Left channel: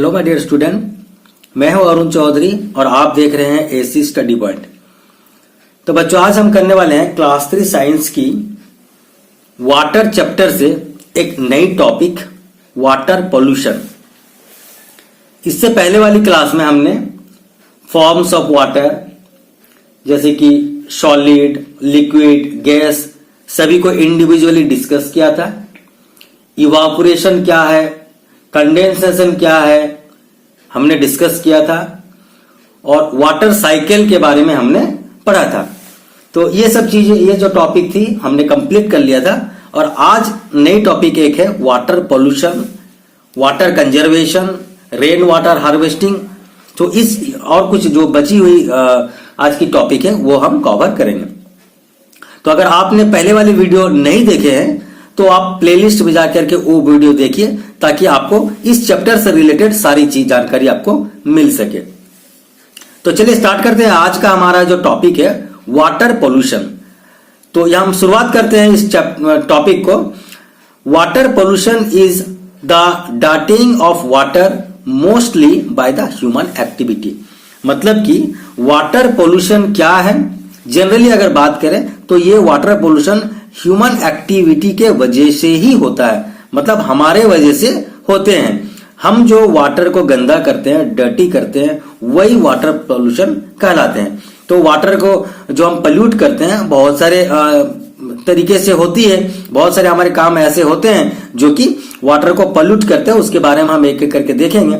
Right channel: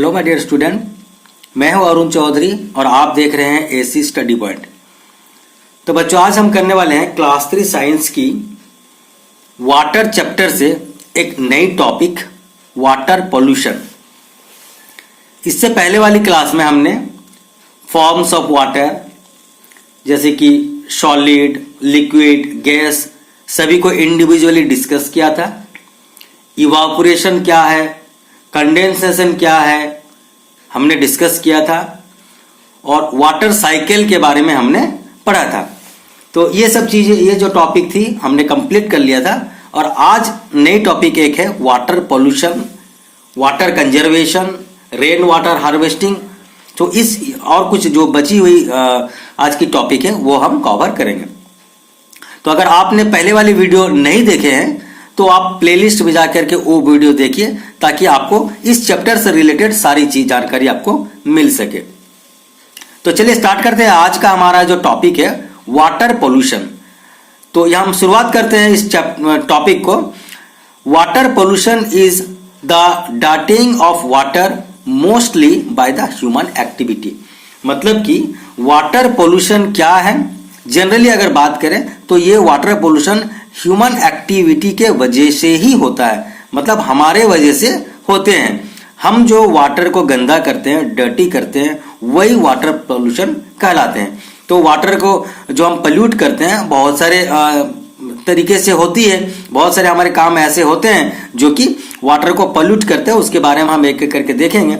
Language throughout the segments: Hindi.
हेलो माय डियर स्टूडेंट, मैं हूं अरुण चौधरी और आप देख रहे हैं एसी स्टडी पॉइंट। तो बच्चों, आज हम करने वाले हैं क्लास 3 साइंस की वाटर चैप्टर से एक नई टॉपिक, वाटर पोल्यूशन। इससे पहले वाली क्लास में हमने फॉर्म्स ऑफ वाटर जैसे कि सॉलिड, लिक्विड, गैस सभी को इंडिविजुअली डिस्कस किया था। इवापोरेशन क्या है, कंडेंसेशन क्या है, हमने डिस्कस किया था और वाटर साइकिल के बारे में हमने पढ़ा था। तो ये सब चीजें, ये जो टॉपिक थी हमने कंप्लीट कर लिया था। और आज नई टॉपिक एक है water pollution, water conservation, rain water harvesting. तो इस और कुछ जो बची हुई आज की टॉपिक है वो हम कवर करेंगे। तो अगर आपने पहले वाली वीडियो नहीं देखे हैं तो आप प्लेलिस्ट में जाकर के वो वीडियो देखिए ताकि आपको इस चैप्टर से रिलेटेड सारी चीज जानकारी आपको मिल सके। तो चलिए स्टार्ट करते हैं। आज का हमारा जो टॉपिक है वाटर पोल्यूशन। तो यहां हम शुरुआत करते हैं इस टॉपिक को। Water pollution is the dirtying of water mostly by the human activity. मतलब कि वाटर पोल्यूशन क्या है, जनरली अगर बात करें तो ये वाटर पोल्यूशन ह्यूमन एक्टिविटी के वजह से ही होता है। मतलब हमारे वजह से होते हैं। हम जो वाटर को गंदा करते हैं, डर्टी करते हैं, वही वाटर पोल्यूशन कहलाते हैं। तो वाटर को जो हम पोल्यूट करते हैं बहुत सारे तरीके से होती है। बहुत सारे हमारे काम ऐसे होते हैं जो कि वाटर को पोल्यूट करते हैं। उसके बारे में हम एक एक करके देखेंगे।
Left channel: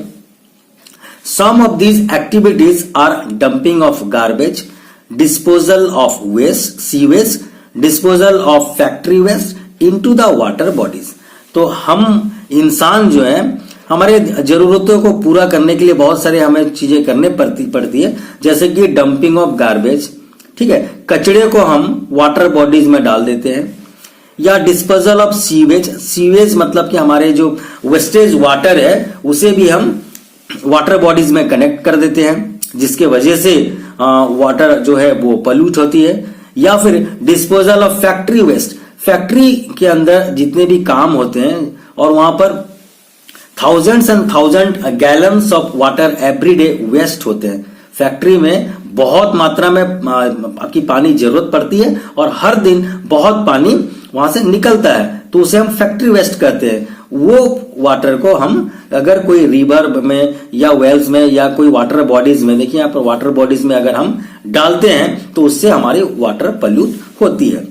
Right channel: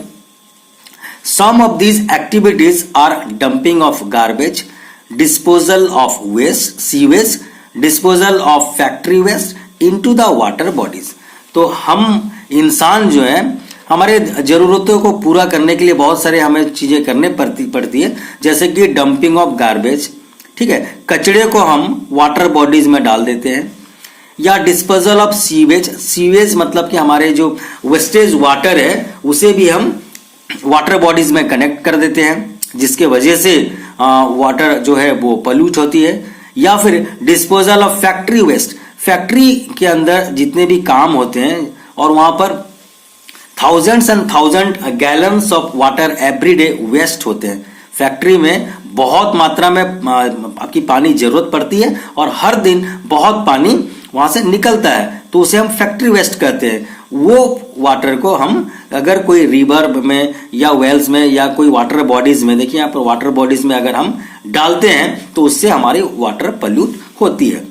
Some of these activities are dumping of garbage, disposal of waste, sewage, disposal of factory waste into the water bodies. तो हम इंसान जो है हमारे जरूरतों को पूरा करने के लिए बहुत सारे हमें चीजें करने पड़ती है। जैसे कि डंपिंग ऑफ गार्बेज, ठीक है, कचड़े को हम वाटर बॉडीज में डाल देते हैं। या डिस्पोजल ऑफ सीवेज, सीवेज मतलब कि हमारे जो वेस्टेज वाटर है उसे भी हम वाटर बॉडीज में कनेक्ट कर देते हैं, जिसके वजह से वाटर जो है वो पोल्यूट होती है। या फिर disposal of factory waste, factory के अंदर जितने भी काम होते हैं और वहां पर thousands and thousand gallons of water every day waste होते हैं। फैक्ट्री में बहुत मात्रा में आपकी पानी जरूरत पड़ती है और हर दिन बहुत पानी वहां से निकलता है, तो उसे हम फैक्ट्री वेस्ट कहते हैं। वो वाटर को हम अगर कोई रिवर में या वेल्स में या कोई वाटर बॉडीज में, देखिए यहाँ पर वाटर बॉडीज में अगर हम डालते हैं तो उससे हमारी वाटर पोल्यूट होती है।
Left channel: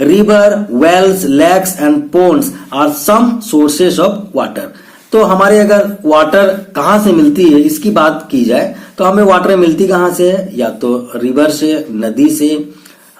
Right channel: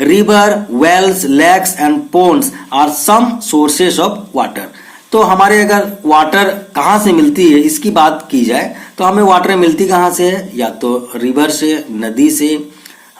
River, wells, lakes and ponds are some sources of water. तो हमारे अगर वाटर कहां से मिलती है इसकी बात की जाए तो हमें वाटर मिलती कहां से है? या तो रिवर से, नदी से,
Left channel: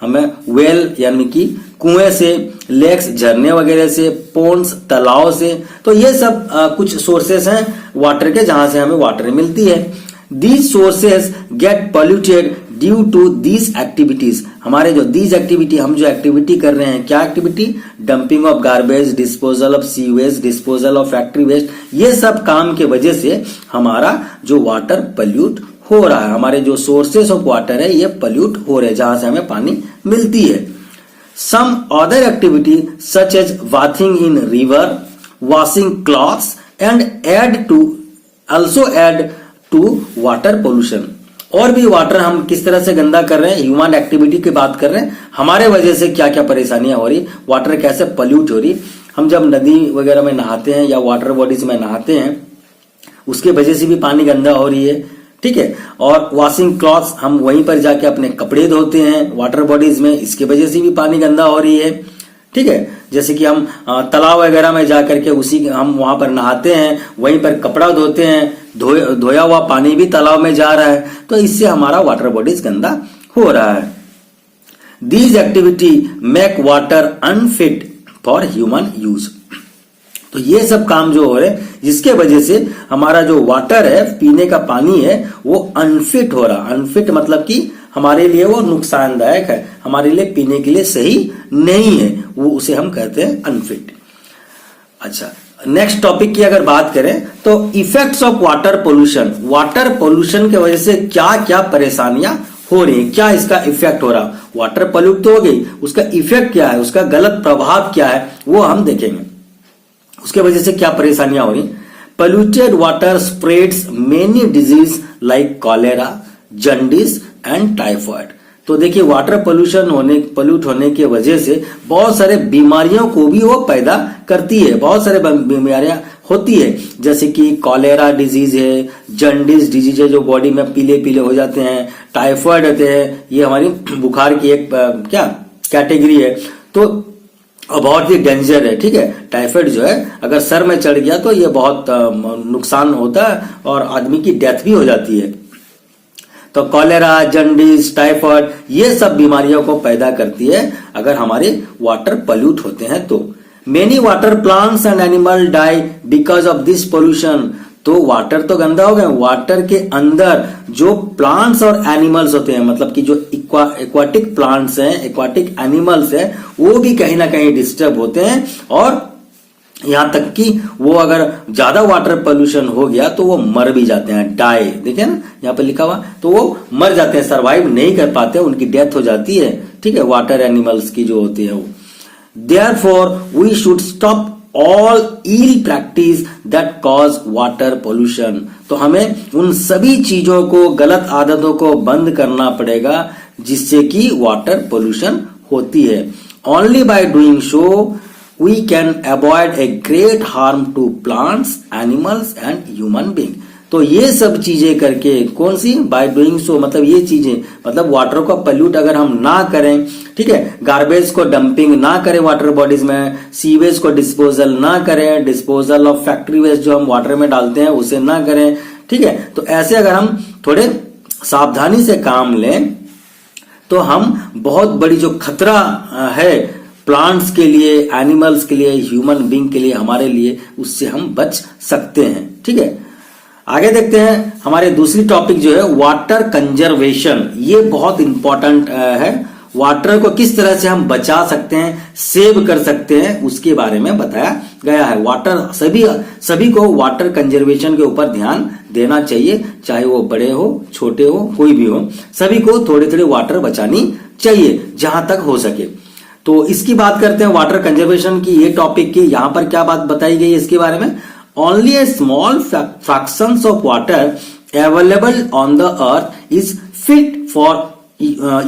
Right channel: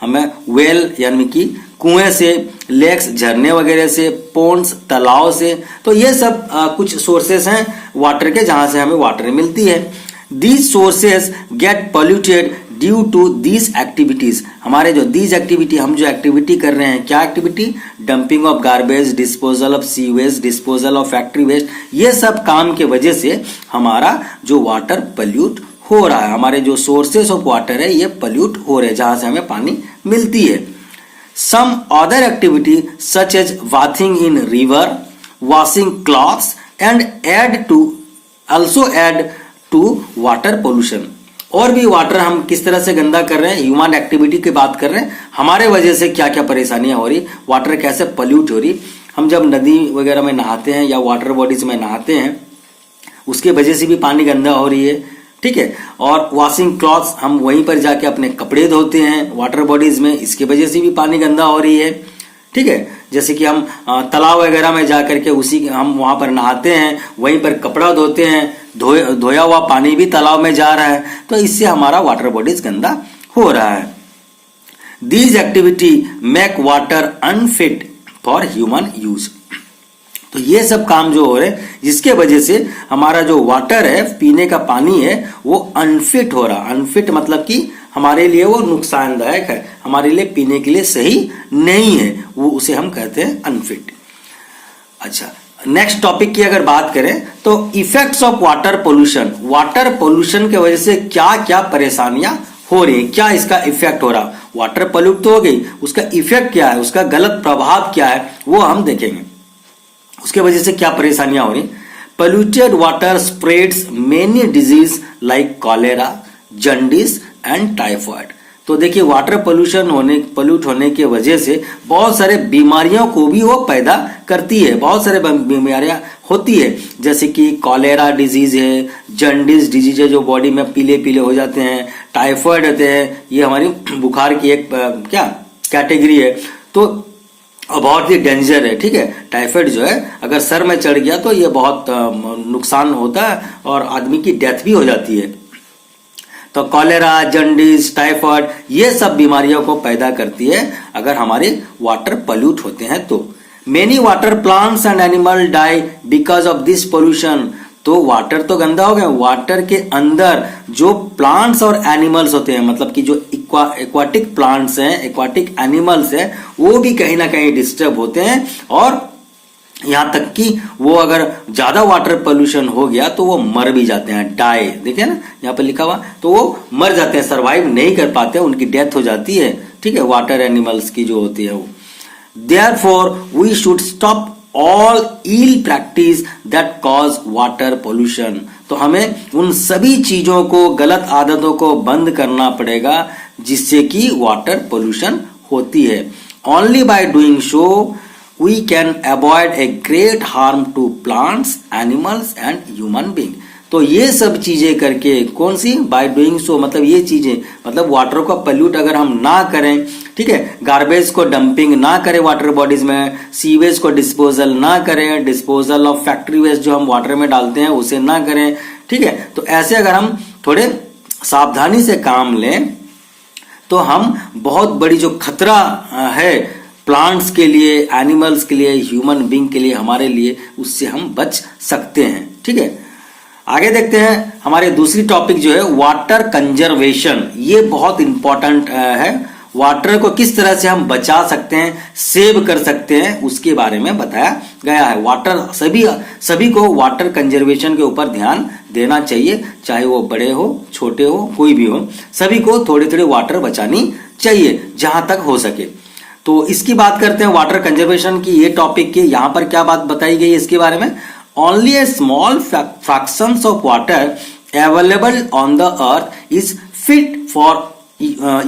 हमें वेल यानी कि कुएं से, लेक्स झरने वगैरह से, पोन्ड्स तालाब से। तो ये सब कुछ सोर्सेस हैं वाटर के जहां से हमें वाटर मिलती है। These sources get polluted due to these activities. हमारे जो दीज एक्टिविटी, हम जो एक्टिविटी कर रहे हैं, क्या activity? Dumping of garbage, disposal of sewage, disposal of factory waste, ये सब काम के वजह से हमारा जो वाटर पोल्यूट हो रहा है। हमारे जो सोर्सेस ऑफ वाटर है ये पोल्यूट हो रहे हैं जहां से हमें पानी मिलती है। Some other activity such as bathing in river, washing clothes and also add to water pollution. और भी वाटर हम किस तरह से गंदा कर रहे हैं, ह्यूमन एक्टिविटी की बात कर रहे हैं। हमारे वजह से क्या क्या परेशानियां हो रही, वाटर कैसे पोल्यूट हो रही। हम जब नदी वगैरह में नहाते हैं या वाटर बॉडीज में नहाते हैं उसके वजह से भी पानी गंदा हो रही है, ठीक है। और वॉशिंग क्लॉथ्स, हम वहीं पर जाके अपने कपड़े धोते हैं वाटर बॉडीज में, इसके वजह से भी पानी गंदा हो रही है, ठीक है। जैसे कि हम तालाब वगैरह में जाकर के हम वहां पर नहाते हैं, वहीं पर कपड़ा धोते हैं, धोया हुआ पानी भी तालाब में जा रहा है, तो इससे हमारा वाटर बॉडीज गंदा हो रहा है। These activity make water unfit for human use. तो ये सब काम जो हो रहे हैं जिसके वजह से हमारा जो वाटर है, पीने का पानी है, वो अनफिट हो रहा। अनफिट मतलब कि हमारे लिए वो नुकसानदायक है, हमारे लिए पीने के लिए सही नहीं है, वो उसे हम कहते हैं अनफिट। अच्छा, नेक्स्ट टॉपिक की अगर बात करें तो effects of water pollution. Water pollution की वजह से क्या क्या परेशानियां हो रही है, क्या इसका इफेक्ट हो रहा। वाटर पोल्यूट तो हो गई, उसका इफेक्ट क्या है, उसका गलत प्रभाव क्या है, वो हम देखेंगे। उसके वजह से क्या परेशानियां हो रही। Polluted water spreads many disease like cholera, jaundice and typhoid. तो देखिए वाटर पोल्यूट होने की वजह से बहुत सारे बीमारियों को भी वो पैदा करती है, बहुत सारे बीमारियां होती है, जैसे कि कॉलेरा डिजीज है, जॉन्डिस डिजीज है जो बॉडी में पीले पीले हो जाते हैं, टाइफॉइड होते हैं, ये हमारी बुखार की एक क्या कैटेगरी है। तो बहुत ही डेंजर है, ठीक है। टाइफाइड जो है अगर सर में चढ़ गया तो ये बहुत नुकसान होता है और आदमी की डेथ भी हो जाती है। तो कॉलेरा, जॉन्डिस, टाइफाइड ये सब बीमारियों को पैदा करती है अगर हमारे वाटर पोल्यूट होते हैं तो। Many water plants and animal die because of this pollution. तो वाटर तो गंदा हो गया, वाटर के अंदर जो प्लांट्स और एनिमल्स होते हैं, मतलब कि जो एक्वाटिक प्लांट्स हैं, एक्वाटिक एनिमल्स हैं, वो भी कहीं ना कहीं डिस्टर्ब होते हैं। और यहां तक कि वो अगर ज्यादा वाटर पोल्यूशन हो गया तो वो मर भी जाते हैं, डाई, देखिए ना यहाँ पे लिखा हुआ, तो वो मर जाते हैं, सरवाइव नहीं कर पाते, उनकी डेथ हो जाती है, ठीक है, वाटर एनिमल्स की जो होती है वो। Therefore, we should stop all ill practice that cause water pollution. तो हमें उन सभी चीजों को, गलत आदतों को बंद करना पड़ेगा जिससे कि वाटर पोल्यूशन होती है। Only by doing so, we can avoid a great harm to plants, animals and human being. तो ये सब चीजें करके, कौन सी, बाय डूइंग सो, मतलब ये चीजें, मतलब वाटर को पोल्यूट अगर हम ना करें, ठीक है, गार्बेज को डंपिंग ना करें वाटर बॉडीज में, सीवेज को डिस्पोजल ना करें, डिस्पोजल ऑफ फैक्ट्री वेस्ट जो हम वाटर में डालते हैं उसे ना करें, ठीक है। तो ऐसे अगर हम थोड़े सावधानी से काम लें तो हम बहुत बड़ी जो खतरा है प्लांट्स के लिए, एनिमल्स के लिए, ह्यूमन बींग के लिए, हमारे लिए, उससे हम बच सकते हैं, ठीक है। आगे देखते हैं हमारे दूसरी टॉपिक जो है वाटर कंजर्वेशन। ये बहुत इंपॉर्टेंट है, वाटर को किस तरह से हम बचा सकते हैं, सेव कर सकते हैं, उसके बारे में बताया गया है। वाटर सभी को वाटर कंजर्वेशन के ऊपर ध्यान देना चाहिए, चाहे वो बड़े हो, छोटे हो, कोई भी हो, सभी को थोड़ी थोड़ी वाटर बचानी चाहिए जहां तक हो सके। तो इसकी बात करते हैं वाटर कंजर्वेशन की, ये टॉपिक की, यहां पर क्या बात बताई गई है इसके बारे में। Only a small fractions of water available on the earth is fit for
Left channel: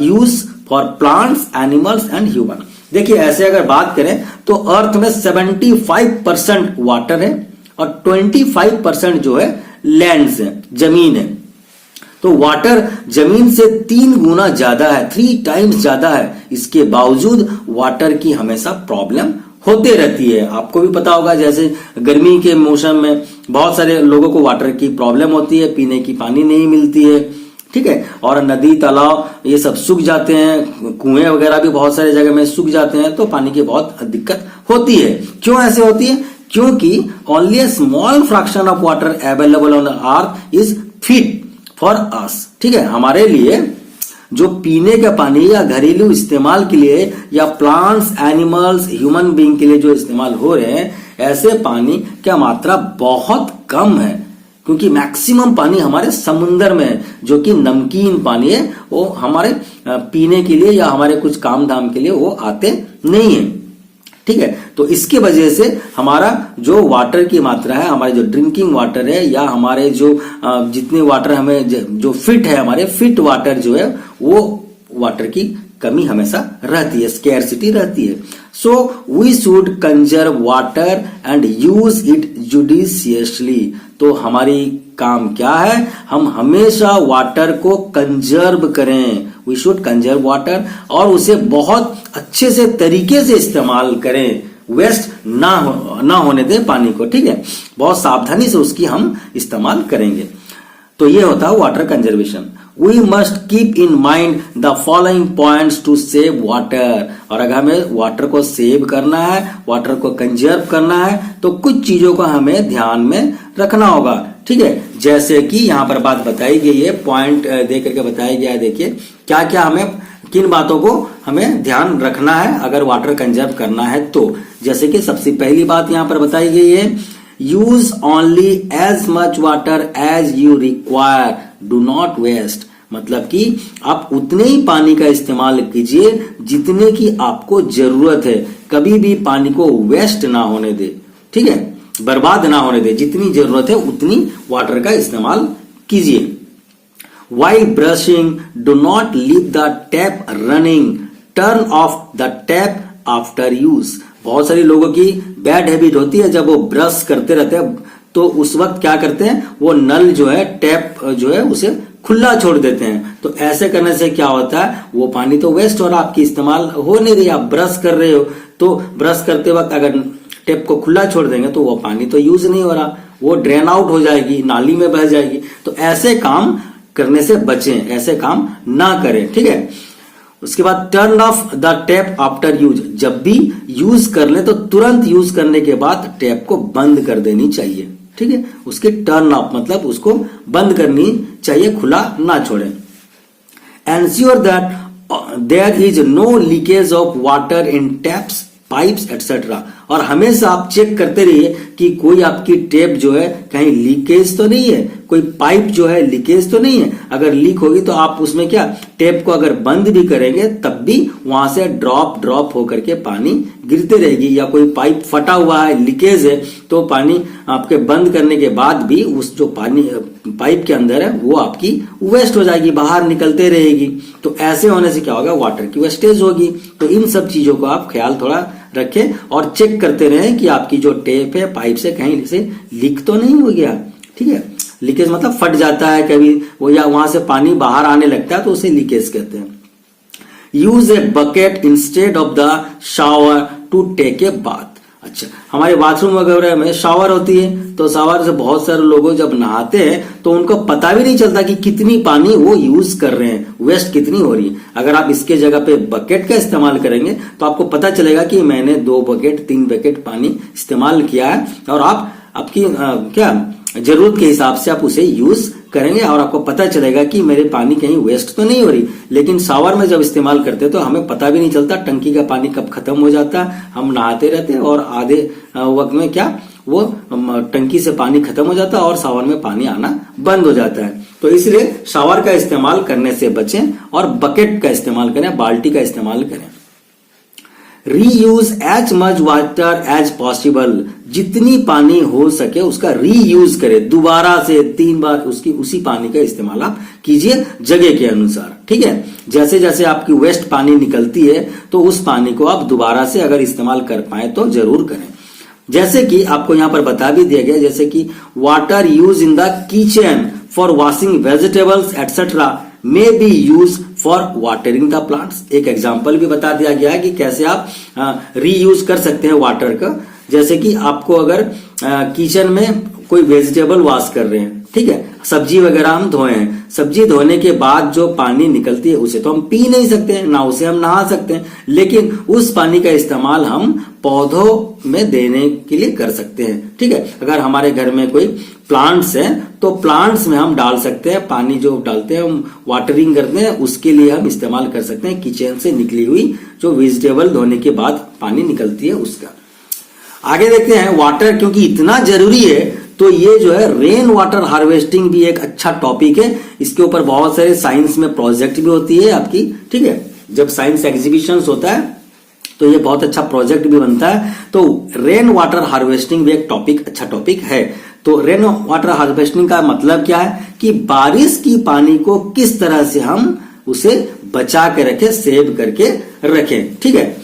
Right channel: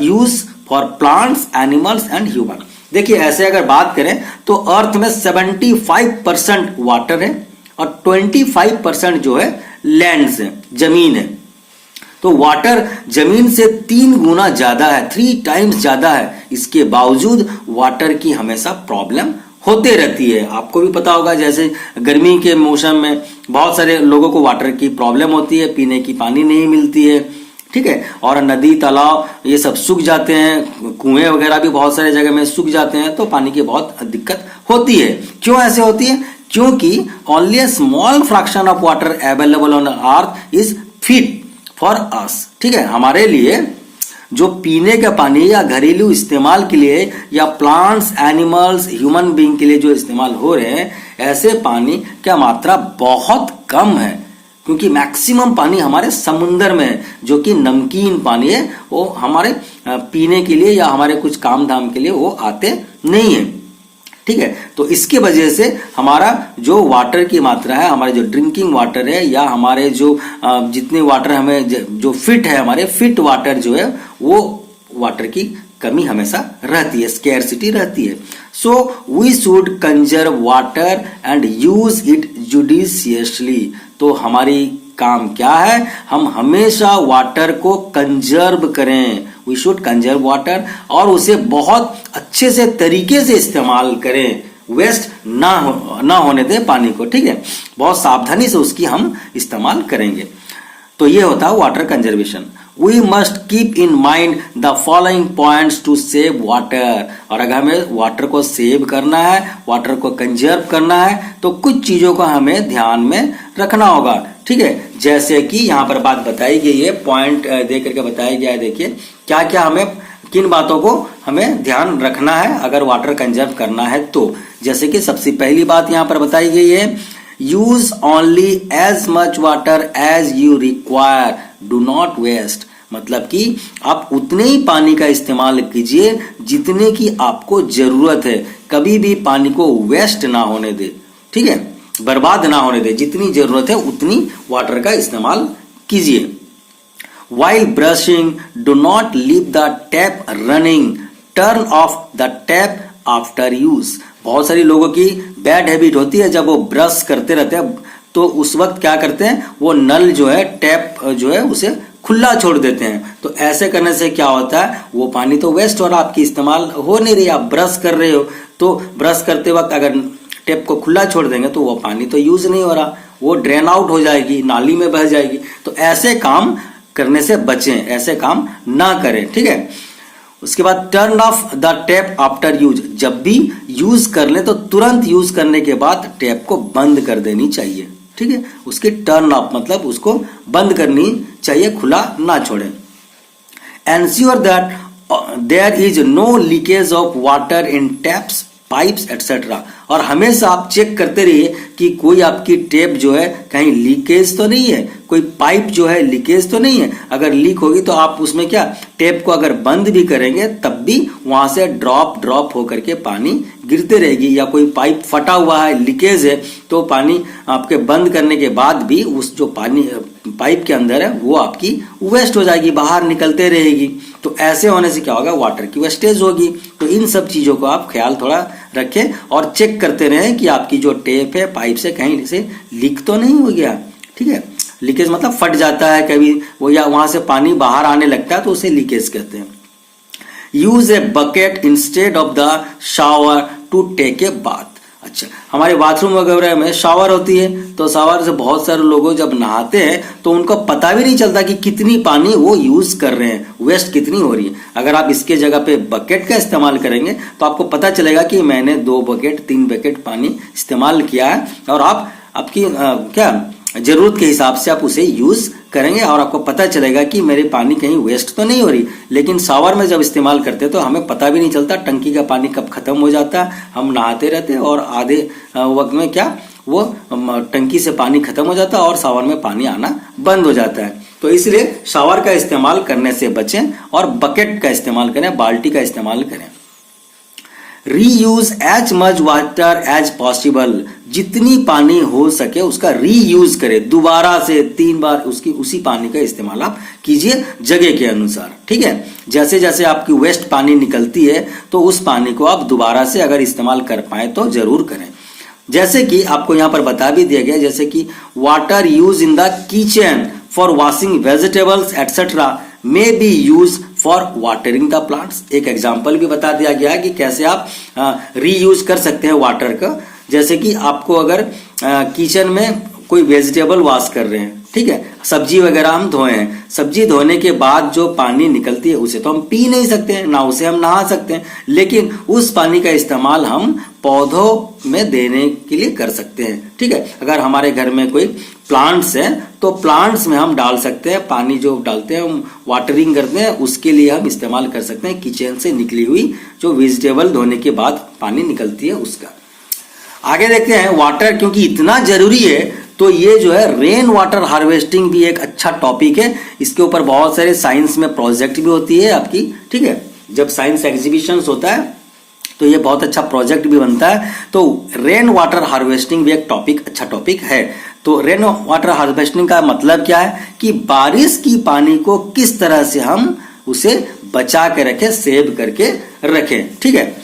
use for plants, animals and human. देखिए ऐसे अगर बात करें तो अर्थ में 75% वाटर है और 25% जो है लैंड्स है, जमीन है। तो वाटर जमीन से 3 गुना ज्यादा है, 3 टाइम्स ज्यादा है। इसके बावजूद वाटर की हमेशा प्रॉब्लम होते रहती है। आपको भी पता होगा, जैसे गर्मी के मौसम में बहुत सारे लोगों को वाटर की प्रॉब्लम होती है, पीने की पानी नहीं मिलती है, ठीक है, और नदी, तालाब ये सब सूख जाते हैं, कुएं वगैरह भी बहुत सारे जगह में सूख जाते हैं, तो पानी की बहुत दिक्कत होती है। क्यों ऐसे होती है? क्योंकि only a small fraction of water available on earth is fit for us, ठीक है। हमारे लिए जो पीने का पानी या घरेलू इस्तेमाल के लिए या प्लांट्स, एनिमल्स, ह्यूमन बीइंग के लिए जो इस्तेमाल हो रहे हैं, ऐसे पानी का मात्रा बहुत कम है, क्योंकि मैक्सिमम पानी हमारे समुन्द्र में है, जो कि नमकीन पानी है, वो हमारे पीने के लिए या हमारे कुछ काम धाम के लिए वो आते नहीं है, ठीक है। तो इसके वजह से हमारा जो वाटर की मात्रा है, हमारे जो ड्रिंकिंग वाटर है या हमारे जो जितने वाटर हमें जो फिट है, हमारे फिट वाटर जो है, वो वाटर की कमी हमेशा रहती है, स्केर्सिटी रहती है। So we should conserve water and use it judiciously. तो हमारी काम क्या है, हम हमेशा वाटर को कंजर्व करें, वी शुड कंजर्व वाटर, और उसे बहुत अच्छे से तरीके से इस्तेमाल करें, वेस्ट ना होने दें पानी को, ठीक है, बहुत सावधानी से उसकी हम इस्तेमाल करेंगे। तो ये होता है water conservation. We must keep in mind the following points to save water. और अगर हमें वाटर को सेव करना है, वाटर को कंजर्व करना है, तो कुछ चीजों को हमें ध्यान में रखना होगा, ठीक है। जैसे कि यहाँ पर बात बताई गई है, पॉइंट दे करके बताया गया है, देखिए क्या क्या हमें, किन बातों को हमें ध्यान रखना है अगर वाटर कंजर्व करना है तो। जैसे कि सबसे पहली बात यहाँ पर बताई गई है, use only as much water as you require, do not waste. मतलब कि आप उतने ही पानी का इस्तेमाल कीजिए जितने की आपको जरूरत है, कभी भी पानी को वेस्ट ना होने दे, ठीक है। बर्बाद ना होने दें, जितनी जरूरत है उतनी वाटर का इस्तेमाल कीजिए। While brushing, do not leave the tap running. Turn off the tap after use. बहुत सारी लोगों की बैड हैबिट होती है, जब वो ब्रश करते रहते हैं तो उस वक्त क्या करते हैं, वो नल जो है, टैप जो है, उसे खुला छोड़ देते हैं। तो ऐसे करने से क्या होता है, वो पानी तो वेस्ट हो रहा, आपकी इस्तेमाल हो नहीं रही, आप ब्रश कर रहे हो, तो ब्रश करते वक्त अगर टैप को खुला छोड़ देंगे तो वो पानी तो यूज नहीं हो रहा, वो ड्रेन आउट हो जाएगी, नाली में बह जाएगी। तो ऐसे काम करने से बचें, ऐसे काम ना करें, ठीक है। उसके बाद turn off the tap after use. जब भी यूज कर ले तो तुरंत यूज करने के बाद टैप को बंद कर देनी चाहिए, ठीक है। उसकी टर्न ऑफ मतलब उसको बंद करनी चाहिए, खुला ना छोड़ें। Ensure that there is no leakage of water in taps, pipes etcetera. और हमेशा आप चेक करते रहिए कि कोई आपकी टेप जो है कहीं लीकेज तो नहीं है, कोई पाइप जो है लीकेज तो नहीं है। अगर लीक होगी तो आप उसमें क्या, टेप को अगर बंद भी करेंगे तब भी वहां से ड्रॉप ड्रॉप होकर के पानी गिरते रहेगी, या कोई पाइप फटा हुआ है, लीकेज है, तो पानी आपके बंद करने के बाद भी उस जो पानी पाइप के अंदर है वो आपकी वेस्ट हो जाएगी, बाहर निकलते रहेगी। तो ऐसे होने से क्या होगा, वाटर की वेस्टेज होगी। तो इन सब चीजों को आप ख्याल थोड़ा रखें और चेक करते रहें कि आपकी जो टेप है, पाइप से कहीं से लीक तो नहीं हो गया, ठीक है। लीकेज मतलब फट जाता है कभी वो, या वहां से पानी बाहर आने लगता है तो उसे लीकेज कहते हैं। Use a bucket instead of the shower to take a bath. अच्छा, हमारे बाथरूम वगैरह में शावर होती है, तो शावर से बहुत सारे लोग जब नहाते हैं तो उनको पता भी नहीं चलता कि कितनी पानी वो यूज कर रहे हैं, वेस्ट कितनी हो रही है। अगर आप इसके जगह पे बकेट का इस्तेमाल करेंगे तो आपको पता चलेगा कि मैंने 2 बकेट 3 बकेट पानी इस्तेमाल किया है, और आप आपकी क्या जरूरत के हिसाब से आप उसे यूज करेंगे और आपको पता चलेगा कि मेरे पानी कहीं वेस्ट तो नहीं हो रही। लेकिन शावर में जब इस्तेमाल करते हैं तो हमें पता भी नहीं चलता टंकी का पानी कब खत्म हो जाता, हम नहाते रहते हैं और आधे वक्त में क्या वो टंकी से पानी खत्म हो जाता और शावर में पानी आना बंद हो जाता है। तो इसलिए शावर का इस्तेमाल करने से बचें और बकेट का इस्तेमाल करें, बाल्टी का इस्तेमाल करें। Reuse as much water as possible. जितनी पानी हो सके उसका रीयूज करें, दोबारा से 3 बार उसी पानी का इस्तेमाल आप कीजिए जगह के अनुसार, ठीक है। जैसे जैसे आपकी वेस्ट पानी निकलती है तो उस पानी को आप दोबारा से अगर इस्तेमाल कर पाए तो जरूर करें। जैसे कि आपको यहां पर बता भी दिया गया, जैसे कि water use in the kitchen for washing vegetables etcetera may be use for watering the plants. एक एग्जाम्पल भी बता दिया गया है कि कैसे आप रीयूज कर सकते हैं वाटर का। जैसे कि आपको अगर किचन में कोई वेजिटेबल वॉश कर रहे हैं, ठीक है, सब्जी वगैरह हम धोए हैं, सब्जी धोने के बाद जो पानी निकलती है उसे तो हम पी नहीं सकते हैं, ना उसे हम नहा सकते हैं, लेकिन उस पानी का इस्तेमाल हम पौधों में देने के लिए कर सकते हैं, ठीक है। अगर हमारे घर में कोई प्लांट्स है तो प्लांट्स में हम डाल सकते हैं पानी, जो डालते हैं हम वाटरिंग करते हैं उसके लिए हम इस्तेमाल कर सकते हैं किचन से निकली हुई जो वेजिटेबल धोने के बाद पानी निकलती है उसका। आगे देखते हैं वाटर क्योंकि इतना जरूरी है तो ये जो है रेन वाटर हार्वेस्टिंग भी एक अच्छा टॉपिक है। इसके ऊपर बहुत सारे साइंस में प्रोजेक्ट भी होती है आपकी, ठीक है। जब साइंस एग्जीबिशन होता है तो ये बहुत अच्छा प्रोजेक्ट भी बनता है। तो रेन वाटर हार्वेस्टिंग भी एक टॉपिक, अच्छा टॉपिक है। तो रेन वाटर हार्वेस्टिंग का मतलब क्या है कि बारिश की पानी को किस तरह से हम उसे बचा के रखें, सेव करके रखें, ठीक है।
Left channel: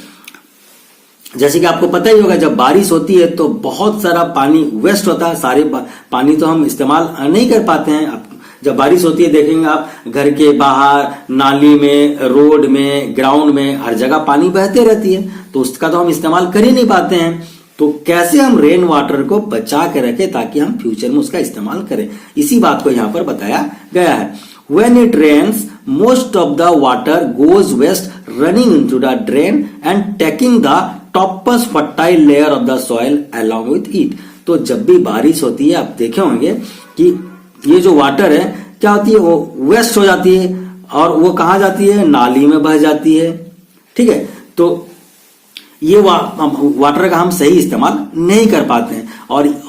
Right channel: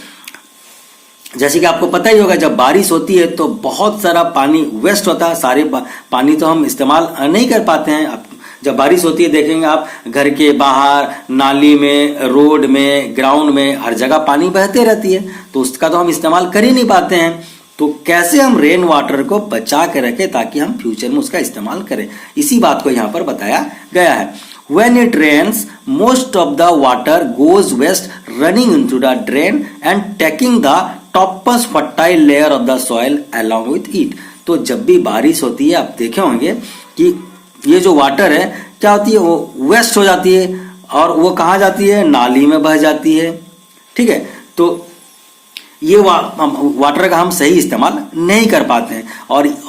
जैसे कि आपको पता ही होगा जब बारिश होती है तो बहुत सारा पानी वेस्ट होता है, सारे पानी तो हम इस्तेमाल नहीं कर पाते हैं। जब बारिश होती है देखेंगे आप घर के बाहर, नाली में, रोड में, ग्राउंड में, हर जगह पानी बहते रहती है, तो उसका तो हम इस्तेमाल कर ही नहीं पाते हैं। तो कैसे हम रेन वाटर को बचा के रखें ताकि हम फ्यूचर में उसका इस्तेमाल करें, इसी बात को यहाँ पर बताया गया है। When it rains, most of the water goes west, running into the drain and taking the topmost fertile layer of the soil along with it. तो जब भी बारिश होती है आप देखे होंगे कि ये जो वाटर है क्या होती है, वो वेस्ट हो जाती है और वो कहाँ जाती है, नाली में बह जाती है, ठीक है। तो ये वाटर का हम सही इस्तेमाल नहीं कर पाते हैं।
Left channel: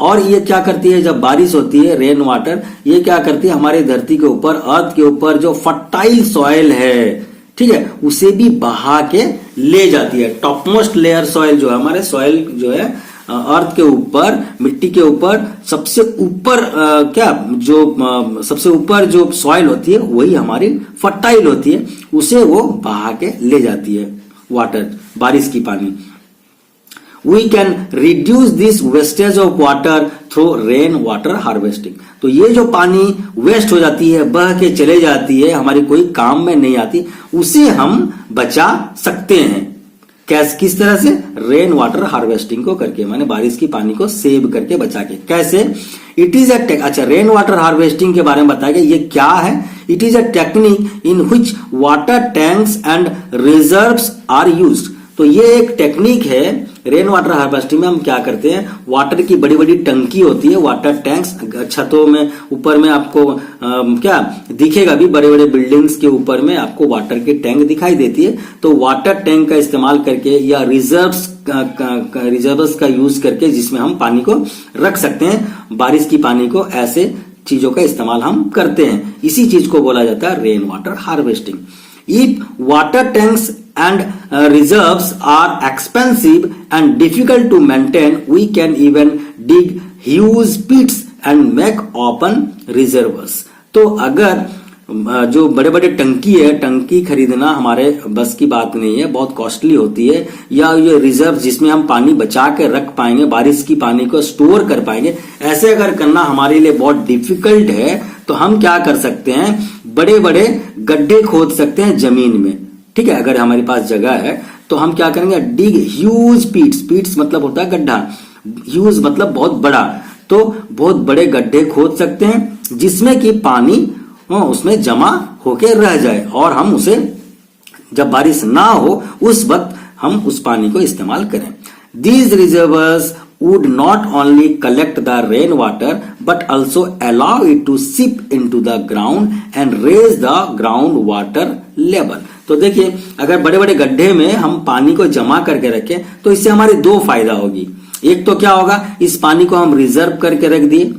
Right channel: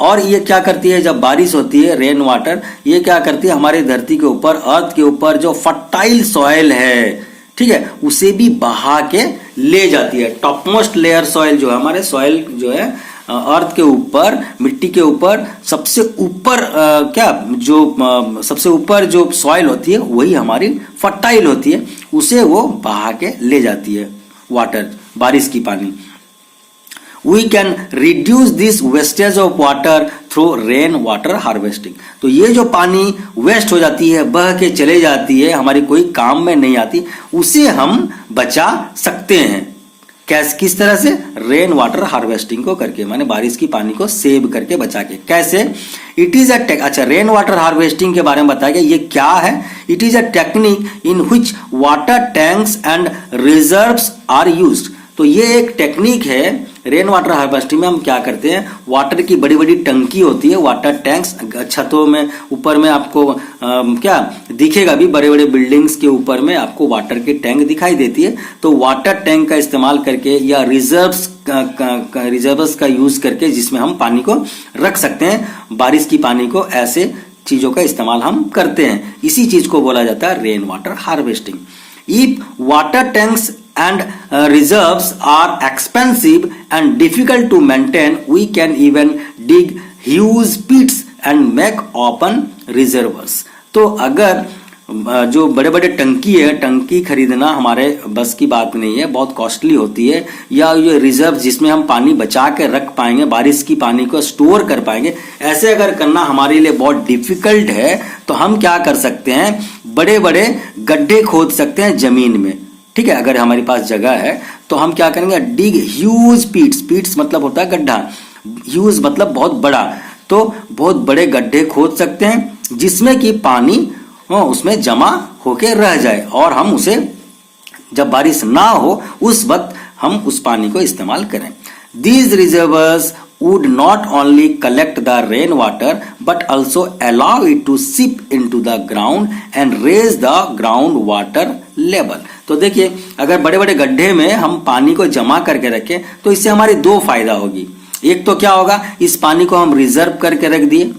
और ये क्या करती है, जब बारिश होती है रेन वाटर, ये क्या करती है हमारी धरती के ऊपर, अर्थ के ऊपर जो फर्टाइल सॉइल है, ठीक है, उसे भी बहा के ले जाती है। टॉपमोस्ट लेयर सॉइल जो है, हमारे सॉइल जो है अर्थ के ऊपर, मिट्टी के ऊपर सबसे ऊपर सबसे ऊपर जो सॉइल होती है वही हमारी फर्टाइल होती है, उसे वो बहा के ले जाती है वाटर, बारिश की पानी। We can reduce this wastage of water through rain water harvesting। तो ये जो पानी वेस्ट हो जाती है, बह के चले जाती है, हमारे कोई काम में नहीं आती, उसे हम बचा सकते हैं। किस तरह से? रेन वाटर हार्वेस्टिंग को करके, माने बारिश की पानी को सेव करके बचा के। कैसे? इट इज अच्छा, रेन वाटर हार्वेस्टिंग के बारे में बताया ये क्या है। It is a technique in which water tanks and reserves are used. तो ये एक टेक्निक है रेन वाटर हार्वेस्टिंग में। हम क्या करते हैं, वाटर की बड़ी बड़ी टंकी होती है, वाटर टैंक्स, छतों में ऊपर में आपको क्या दिखेगा भी, बड़े बड़े बिल्डिंग्स के ऊपर में आपको वाटर की टैंक दिखाई देती है। तो वाटर टैंक का इस्तेमाल करके या रिजर्व्स का यूज करके, जिसमें हम पानी को रख सकते हैं, बारिश की पानी को, ऐसे चीजों का इस्तेमाल हम करते हैं। इसी चीज को बोला जाता है rain water harvesting. If water tanks and reserves are expensive and difficult to maintain, we can even dig huge pits and make open reservoirs। तो अगर जो बड़े बड़े टंकी है, टंकी खरीदना हमारे बस की बात नहीं है, बहुत कॉस्टली होती है, या ये रिजर्व जिसमें हम पानी बचा के रख पाएंगे, बारिश की पानी को स्टोर कर पाएंगे, ऐसे अगर करना हमारे लिए बहुत डिफिकल्ट है, तो हम क्या कर सकते हैं, बड़े बड़े गड्ढे खोद सकते हैं जमीन में। ठीक है, अगर हमारे पास जगह है तो हम क्या करेंगे, डिग ह्यूज पीट्स, पीट्स मतलब होता है गड्ढा, ह्यूज मतलब बहुत बड़ा, तो बहुत बड़े गड्ढे खोद सकते हैं जिसमें कि पानी उसमें जमा होके रह जाए, और हम उसे जब बारिश ना हो उस वक्त हम उस पानी को इस्तेमाल करें। These reservoirs would not only collect the rainwater but also allow it to seep into the ground and raise the groundwater level। तो देखिए, अगर बड़े बड़े गड्ढे में हम पानी को जमा करके रखें तो इससे हमारी दो फायदा होगी। एक तो क्या होगा, इस पानी को हम रिजर्व करके रख दिए,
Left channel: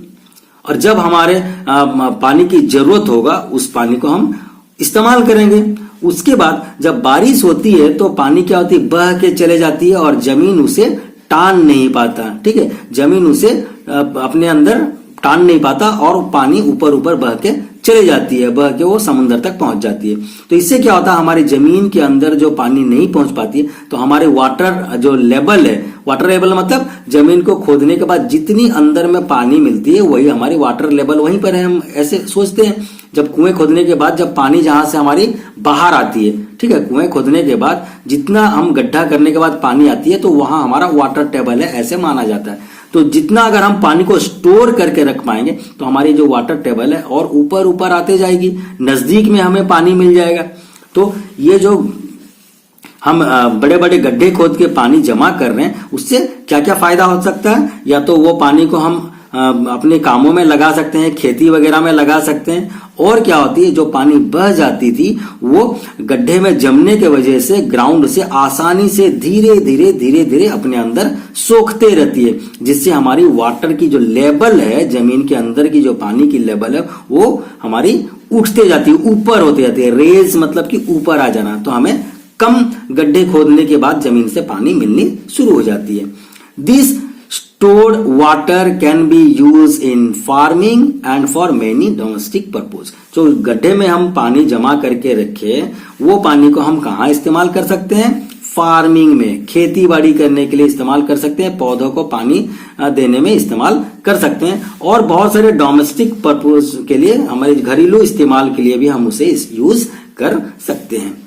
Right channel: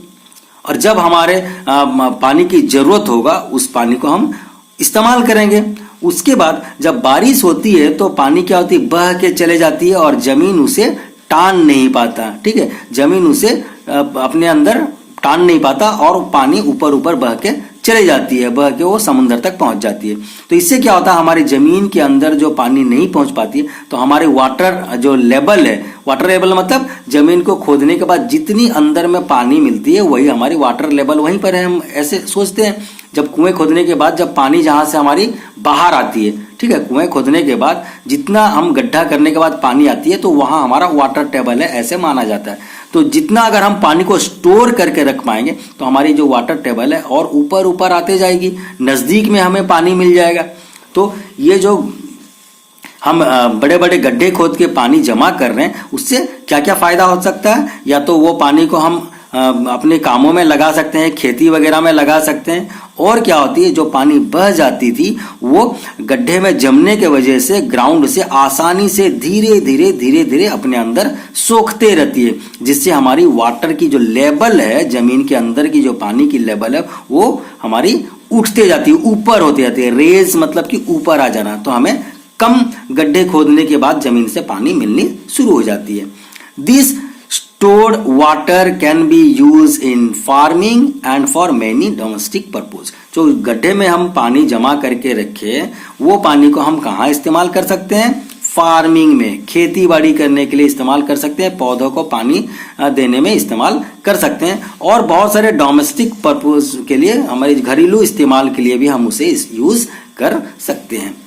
और जब हमारे पानी की जरूरत होगा उस पानी को हम इस्तेमाल करेंगे। उसके बाद जब बारिश होती है तो पानी क्या होती है, बह के चले जाती है और जमीन उसे टान नहीं पाता। ठीक है, जमीन उसे अपने अंदर टान नहीं पाता और पानी ऊपर ऊपर बह के चले जाती है, बह के वो समुद्र तक पहुंच जाती है। तो इससे क्या होता है, हमारी जमीन के अंदर जो पानी नहीं पहुंच पाती है, तो हमारे वाटर जो लेवल है, वाटर लेवल मतलब जमीन को खोदने के बाद जितनी अंदर में पानी मिलती है वही हमारी वाटर लेवल वहीं पर है। हम ऐसे सोचते हैं, जब कुएं खोदने के बाद जब पानी जहां से हमारी बाहर आती है, ठीक है, कुएं खोदने के बाद जितना हम गड्ढा करने के बाद पानी आती है तो वहां हमारा वाटर टेबल है, ऐसे माना जाता है। तो जितना अगर हम पानी को स्टोर करके रख पाएंगे तो हमारी जो वाटर टेबल है और ऊपर ऊपर आते जाएगी, नजदीक में हमें पानी मिल जाएगा। तो ये जो हम बड़े बड़े गड्ढे खोद के पानी जमा कर रहे हैं, उससे क्या क्या फायदा हो सकता है, या तो वो पानी को हम अपने कामों में लगा सकते हैं, खेती वगैरह में लगा सकते हैं, और क्या होती है, जो पानी बह जाती थी वो गड्ढे में जमने के वजह से ग्राउंड से आसानी से धीरे धीरे धीरे धीरे अपने अंदर सोखते रहती है, जिससे हमारी वाटर की जो लेवल है, जमीन के अंदर की जो पानी की लेवल है, वो हमारी उठते जाती है, ऊपर होते जाती है। रेज मतलब कि ऊपर आ जाना, तो हमें कम गड्ढे खोदने के बाद जमीन से पानी मिलनी शुरू हो जाती है। This stored water can be used in farming and for many domestic purpose। जो गड्ढे में हम पानी जमा करके रखे, वो पानी को हम कहाँ इस्तेमाल कर सकते हैं, फार्मिंग में, खेती बाड़ी करने के लिए इस्तेमाल कर सकते हैं, पौधों को पानी देने में इस्तेमाल कर सकते हैं, और बहुत सारे डोमेस्टिक पर्पज के लिए, हमारे घरेलू इस्तेमाल के लिए भी हम उसे यूज कर सकते हैं।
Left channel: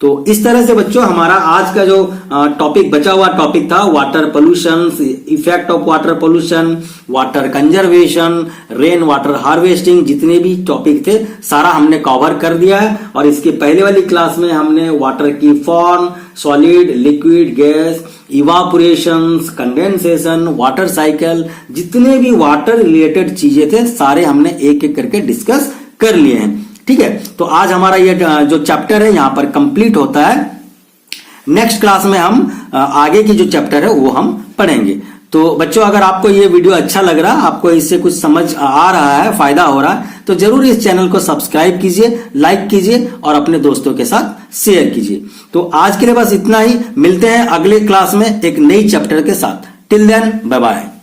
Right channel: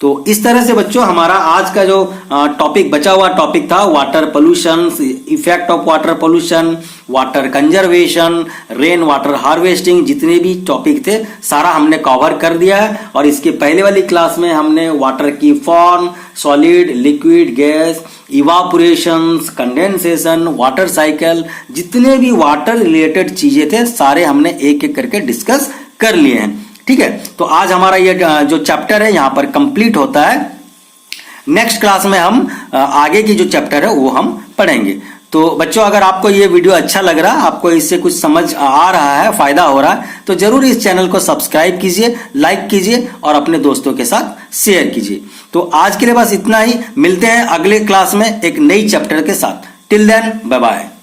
तो इस तरह से बच्चों हमारा आज का जो टॉपिक बचा हुआ टॉपिक था, water pollution, effect of water pollution, water conservation, rain water harvesting, जितने भी टॉपिक थे सारा हमने कवर कर दिया है। और इसके पहले वाली क्लास में हमने वाटर की form, solid, liquid, gas, evaporation, condensation, water cycle, जितने भी वाटर रिलेटेड चीजें थे सारे हमने एक एक करके डिस्कस कर लिए हैं। ठीक है, तो आज हमारा ये जो चैप्टर है यहाँ पर कंप्लीट होता है। नेक्स्ट क्लास में हम आगे की जो चैप्टर है वो हम पढ़ेंगे। तो बच्चों, अगर आपको ये वीडियो अच्छा लग रहा, आपको इससे कुछ समझ आ रहा है, फायदा हो रहा है, तो जरूर इस चैनल को सब्सक्राइब कीजिए, लाइक कीजिए और अपने दोस्तों के साथ शेयर कीजिए। तो आज के लिए बस इतना ही, मिलते हैं अगले क्लास में एक नई चैप्टर के साथ। Till then bye bye.